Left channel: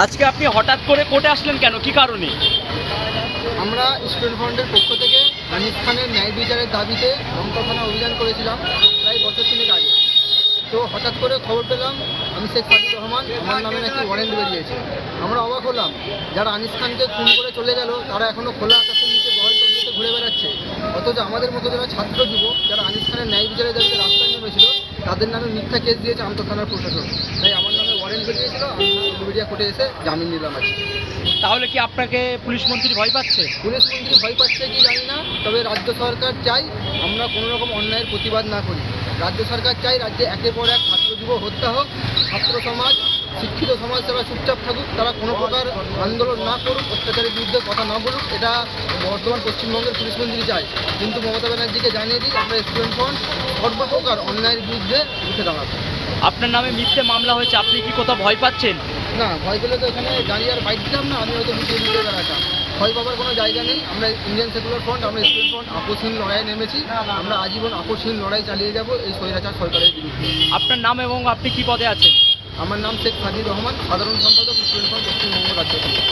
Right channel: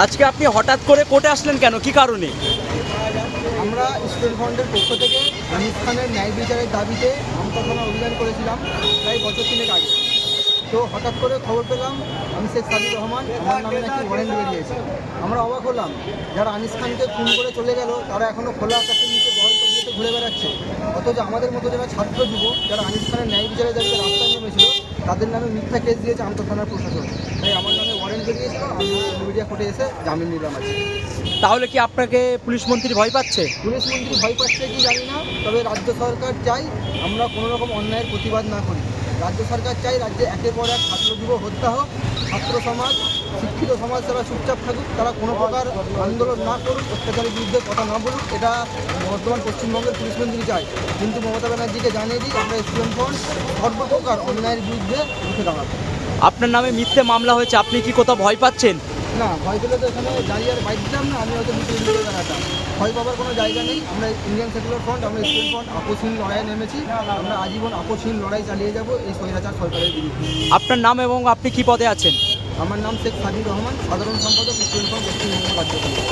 আজকে আপনি হঠাৎ করে কোর্টে আসলেন কেন, কি কারণে? আমরা স্টুডেন্ট ফ্রন্টের পক্ষ থেকে আনিস খানের ন্যায় বিচারের দাবিতে আমতা থানা অভিযান করেছিলাম প্রায় বছর তিনেক আগে। তো হঠাৎ করে খবর পেলাম আমি শেখ সাবির রহমান, আমার নামে নাকি ওয়ারেন্ট বেরিয়েছে। আমরা অবাক হলাম, যারা আনিস খানকে খুন করে চলে গেল তারা এখনও খোলা আকাশের নিচে বহাল তবিয়তে ঘুরে বেড়াচ্ছে, অথচ আমাদের মতো যারা ছাত্র যুব যারা আনিস খানের ন্যায় বিচারের দাবিতে রাস্তায় নেমেছিল তাদের নামে মিথ্যা কেস দিয়েছে আমতা থানার প্রশাসন। তাই আমার নামে ওয়ারেন্ট বেরিয়েছিল, আমি মিডিয়া কোর্টে এসে জামিন নিলাম আজকে। তাহলে কি আপনাকে পুলিশ মন্ত্রী ভয় পাচ্ছে? পুলিশ মন্ত্রী ভয় পাচ্ছে কি জানি না, তবে রাজ্য সরকার চাই আমরা কোনো রকম অন্যায়ের প্রতিবাদ না করি। রাজ্য সরকার চাই রাজ্যে একের পর এক ছাত্র যুব হত্যা হোক, ছাত্র সমাজ শিক্ষিত সমাজ তারা চুপচাপ থাকুক, তারা কোনো প্রকার আন্দোলন না করুক, অত্যাচারের বিরুদ্ধে কথা না বলুক, এটা বর্তমান পশ্চিমবঙ্গের পুলিশ মন্ত্রী চাই। কিন্তু মমতা ব্যানার্জিকে জানিয়ে দিই আমরা স্টুডেন্ট ফ্রন্ট সর্বপ্রকার অন্যায়ের বিরুদ্ধে রুখে দাঁড়াবো। আপনার নামে মিথ্যে মামলা হয়েছে, আপনি কি কোথাও ভয় পাচ্ছেন? না, ভয় পেলে তো এখানে দাঁড়িয়ে আর বাইক দিতাম না, আমি হয়তো লুকিয়ে লুকিয়ে বেড়াতাম। ভয় পাবার কোনো জায়গা নেই। আমরা ইন্ডিয়ান সেকুলার ফ্রন্ট, আমরা স্টুডেন্ট ফ্রন্ট আপোষহীন লড়াই নেমেছি। আমরা আজীবন আপোষহীন লড়াই চালিয়ে যাব এই স্বৈরাচার সরকারের বিরুদ্ধে। আপনার নাম এবং আপনি কি পদে আছেন? আমার নাম শেখ সাবির রহমান, সাধারণ সম্পাদক স্টুডেন্ট ফ্রন্ট পশ্চিমবঙ্গ রাজ্য কমিটি।